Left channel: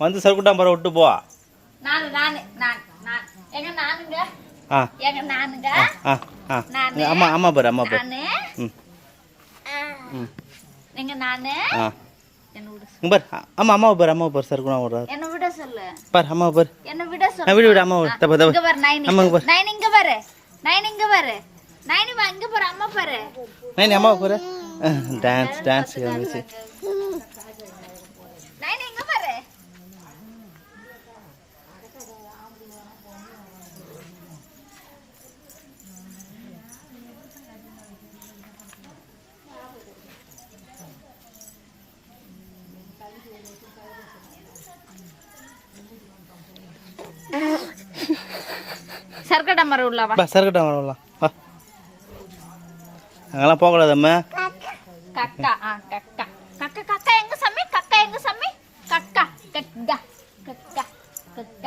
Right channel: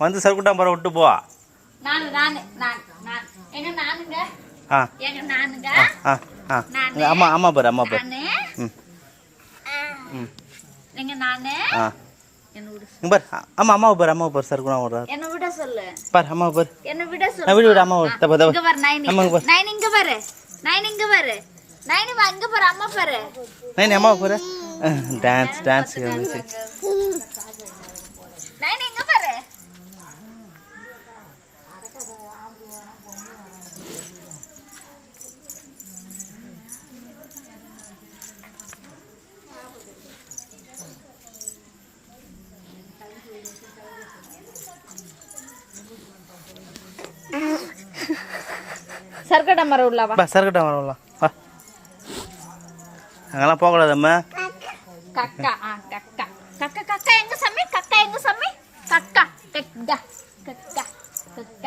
வந்து சர்க்குட்டாம்பரம் விட்டு போ. அம்மா அம்மா பாரு அம்மா பாரு. பாரு அம்மா அம்மாவை பாரு அம்மாவை பாரு சர்க்குணா ஒரு பாரு அம்மாவை பாரு. விடு விடு அம்மா நைனி அம்மாவை பாரு. டான்ஸ் டான்ஸ் வந்துச்சு. சர்க்கட்டை மரம் உள்ளவா சர்க்கட்டை மரம் உள்ள அங்கெல்லாம் போகக்கூடாது அம்மா. கக்கா